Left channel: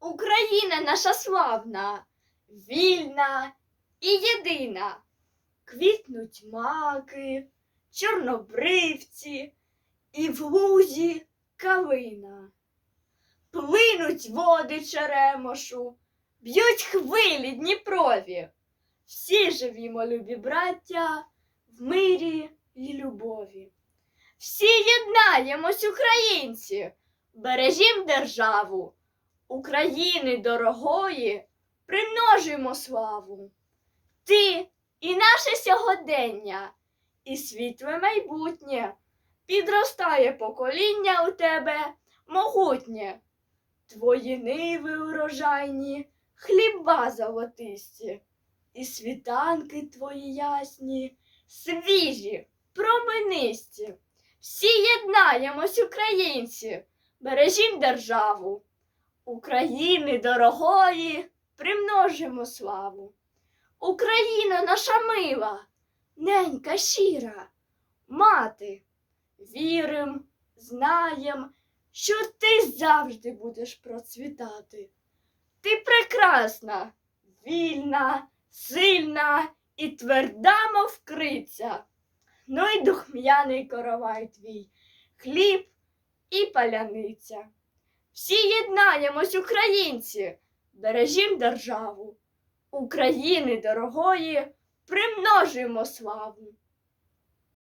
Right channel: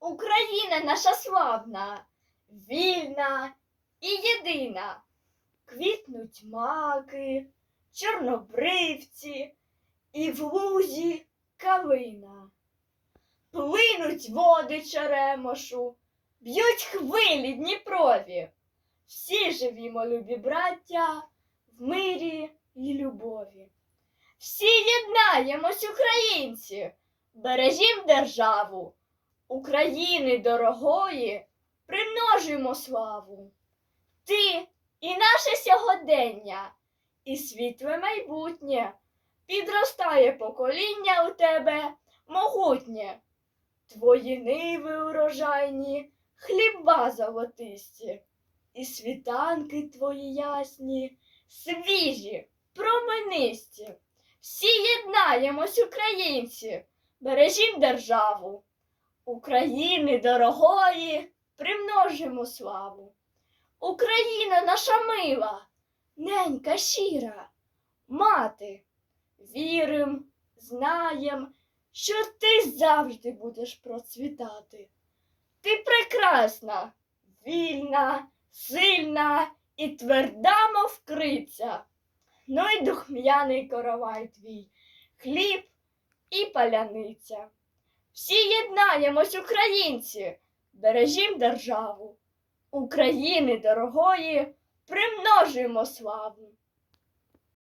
Україна наша славна, вільна і єдина. Квітнуть маки, чорнобривці і в лузі калина. Плинуть води черемошу, б'ють хвилі Дніпрові. Всі живімо, любі браття, в мирі і любові. Всі єднаємось, українці, бережім державу, України дорогої, примножуємо славу. Ти і наше сьогодення, і світле майбутнє, підростає покоління у тебе могутнє. Твої ниви урожайні, хліба золотисті, і світанки твої ясні, свіжі, променисті. Всі єднаємось, українці, бережім державу. України дорогої примножимо славу. Україна наша мила, ненька щира, мати, вірим, знаєм, що ти завжди будеш процвітати. Ти прекрасна, вільна, сильна і тверда, мов криця. Ну й духм'яний коровай твій, хліб і паляниця. Всі єднаємось, українці, бережім державу. України дорогої примножуємо славу.